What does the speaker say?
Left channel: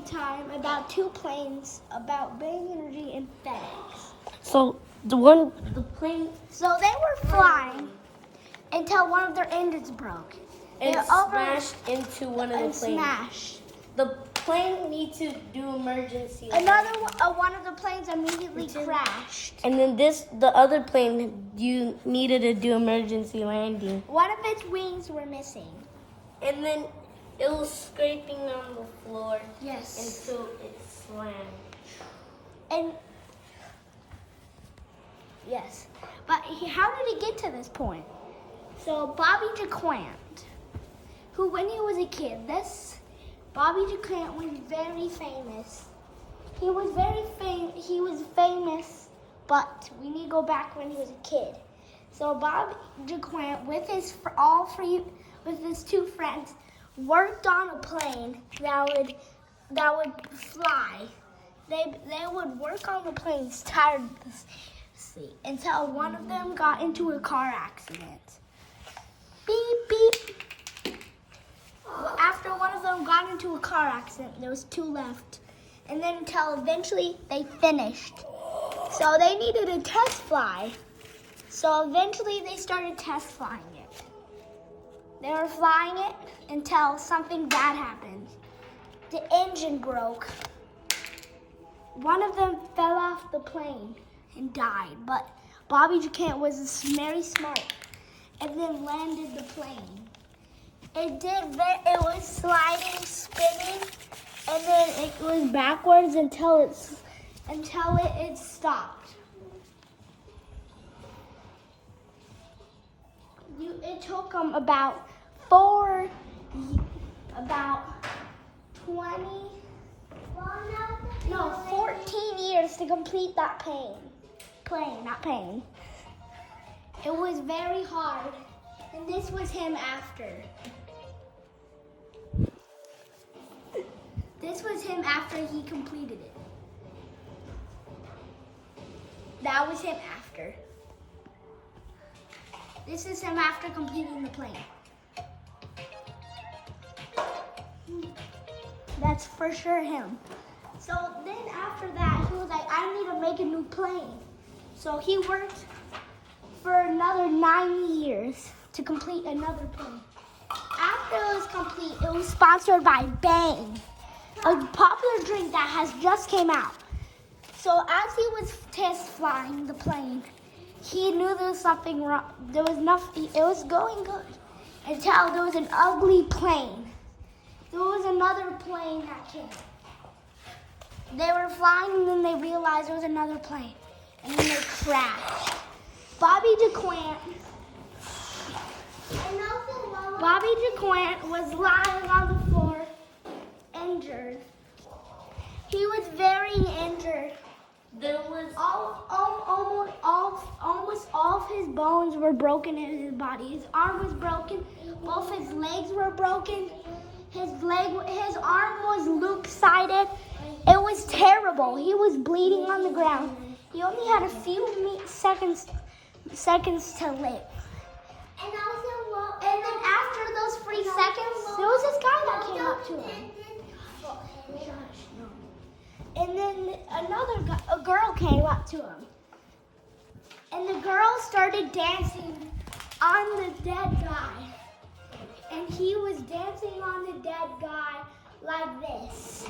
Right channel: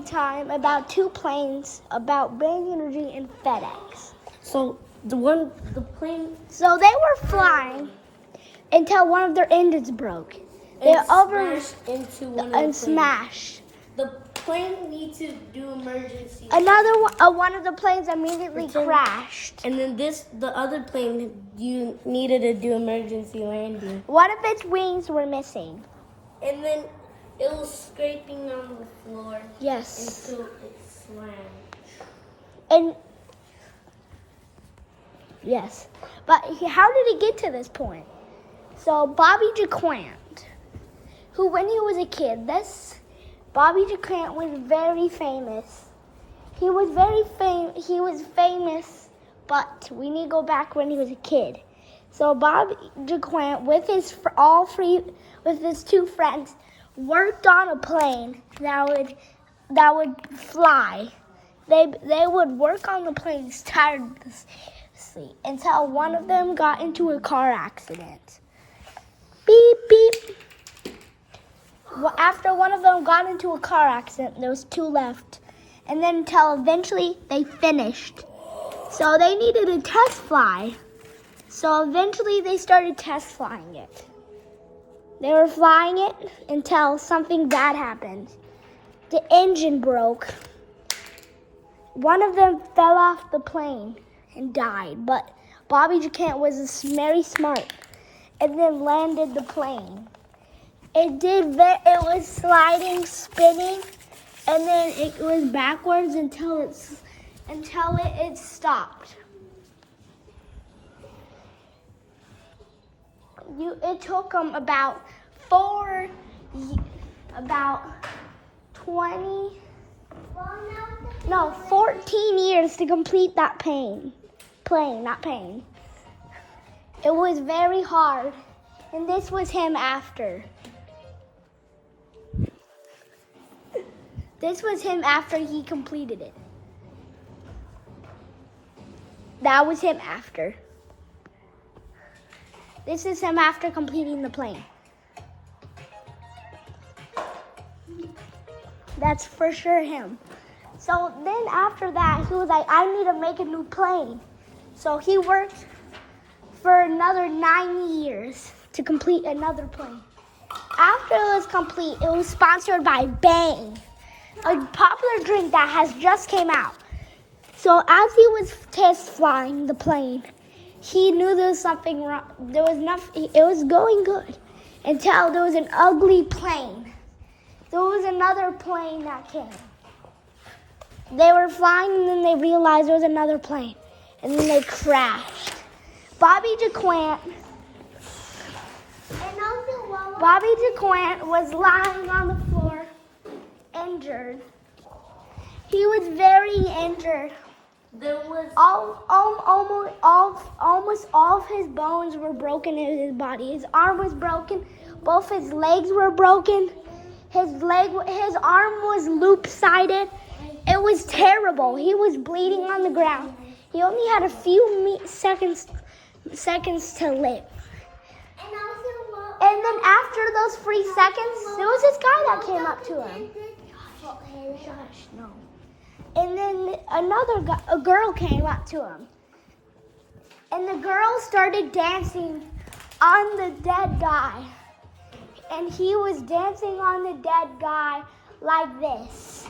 story time about two planes about Bang Energy and FedEx. So the plane So they were flying until one of their engines broke. They smashed into one of the planes. smashed. The plane needs to do emergency. One of the planes immediately crashed. And then the other plane, you needed to do emergency landing. One of its wings were missing. And then it was scraping on the floor. Yes. Until it slammed. And yes, but how did he get to this point? So Bobby Jaquant, who when he was a kid, Bobby Jaquant was very famous. He was famous, but we need to go back when he was a kid. So Bobby Jaquant, with his two friends, worked on a plane that would fly. They would work on the planes tirelessly until one of them got into a car accident. Beep, beep. Well, after one of them got into a car accident, there was two left. And then until eventually they finished. So they needed a test fly. So eventually they started test flying it. They were flying it until something bad happened. The engine broke. One of them fell off the plane and died, but Bobby Jaquant was very smart and then landed the plane. It was sliding, spinning, and then it was backwards until it stopped. It took them about 14 years to complete that plane. It was very hard, and this was him after. This was him after he completed it. That was him after. This is him after completing the plane. That's for sure him. So then after that, he was like, I need to make a new plane. So he worked for another 9 years to complete another plane. After it was complete, it was sponsored by Bang, a popular drink that has just came out. So as he was test flying the plane, he knew there was something wrong. There was nothing. It was going good until there was an ugly plane. There was another plane that came. They were flying and then they realized there was another plane. And then they crashed. Bobby Jaquant was lying on the floor, injured. He was very injured. There was almost all of his bones were broken in his body. His arm was broken. Both his legs were broken. His arm was loop-sided. It was terrible. He was bleeding on the ground. He only had a few seconds to live. And then after those 3 seconds, there was this guy that came up to him. And then a girl came up to him. And the girl started dancing on the dead guy. And he was dancing on the dead guy like this.